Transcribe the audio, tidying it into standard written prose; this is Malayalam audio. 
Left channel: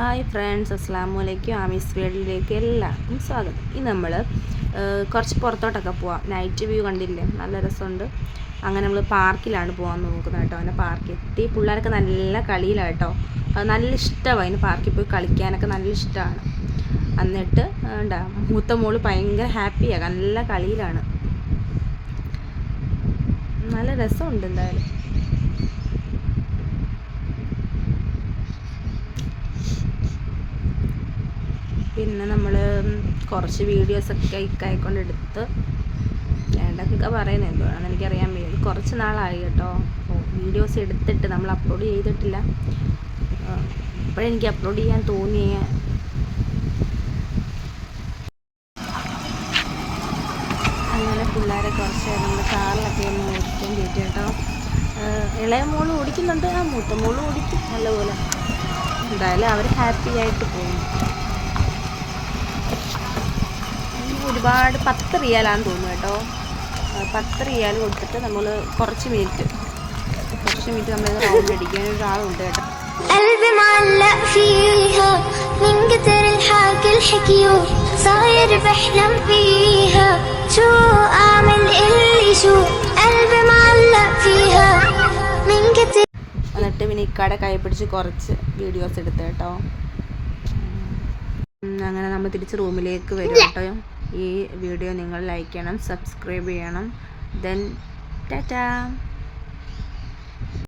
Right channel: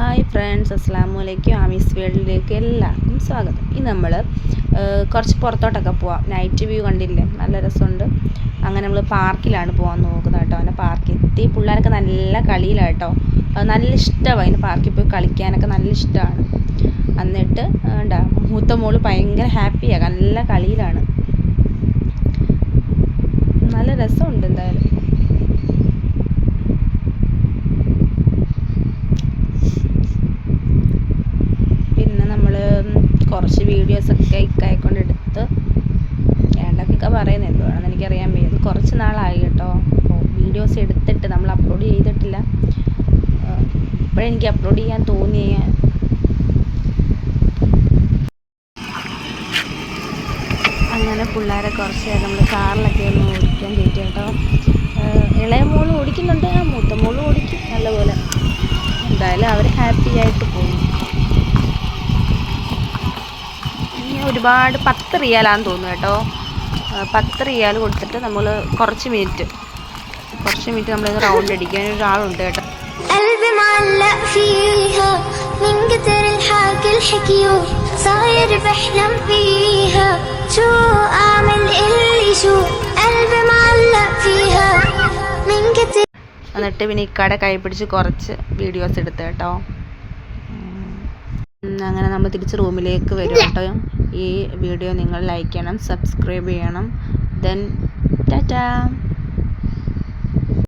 ഹായ് ഫ്രണ്ട്സ്, അസ്സാം വലൈക്കും. ആമീസ് വേൾഡിലേക്ക് എല്ലാവർക്കും സ്വാഗതം. ഇന്ന് നമ്മൾ കുറച്ച് പുറത്തോട്ടൊക്കെ പോവാം. നൈറ്റ് വ്യൂ കണ്ടില്ലേ, നല്ല രസമുണ്ട്. അങ്ങനെ നമ്മൾ പാർക്കിലാണ് പോകാൻ നോക്കുന്നത് കേട്ടോ. അങ്ങനെ പാർക്കിൽ എത്തി. പിള്ളേരൊക്കെ നല്ല കളിയിലാണ് കേട്ടോ. അത് നല്ല ഇഷ്ടമാണ്. അതിന് പാർക്കിൽ പോയി കളിക്കാനൊക്കെ നല്ല ഇഷ്ടമാണ്. എന്നിട്ട് മൂത്ത മോള് ഭയങ്കര ഹാപ്പിയാണ്, നല്ല കളിയിലാണ്. നല്ല രസമുണ്ട് എന്തായാലും. പിന്നെ നമ്മൾ കുറച്ച് വീഡിയോസൊക്കെ ഇക്കായിക്കൊണ്ടെടുത്ത് ഏണ്ടൊക്കെ പറയുന്നത് എന്തുവാണെന്ന് എനിക്കറിയാൻ വയ്യ. കുറച്ച് നാളായി കേട്ടോ. അപ്പോൾ വീഡിയോസ് എടുത്തിട്ട് നമ്മൾ അപ്ലോഡ് ചെയ്തിട്ടില്ല. ഇപ്പോഴെനിക്ക് അപ്ലോഡ് ചെയ്യാൻ തോന്നിയ അങ്ങനെ പിള്ളേരെ കുറച്ച് നേരം നമ്മൾ കാറിലൊക്കെ ഒന്ന് ഓടിക്കാൻ കയറ്റി കേട്ടോ. ഇളയ മോള് ഓടിക്കുന്നുണ്ട്, മൂത്ത മോള് ഓടിക്കും നല്ലപോലെ. എന്തായാലും അവർ ഹാപ്പി ആയിട്ട് പോകും. ഒരുപാട് 10 റിയാലാന്ന് തോന്നുന്നു കേട്ടോ. 10 റിയാൽ കൊടുത്തിട്ട് നമ്മൾ കുറച്ച് മിനിറ്റ് നമ്മൾ റൗണ്ട് അടിക്കാൻ ഒരാളുണ്ട് കേട്ടോ. എന്നിട്ട് പിന്നെ ഇക്കാടെ കൈ പിടിച്ച് കുറച്ച് വീഡിയോസ് എടുത്ത് കേട്ടോ. അങ്ങനെ നമ്മൾ തിരിച്ച് റൂമിലേക്ക് വരും കേട്ടോ. ഈ വീഡിയോ നിങ്ങൾ ലൈക്ക് ചെയ്യണം, സബ്സ്ക്രൈബ് ചെയ്യണം. ദെൻ ടാറ്റാ.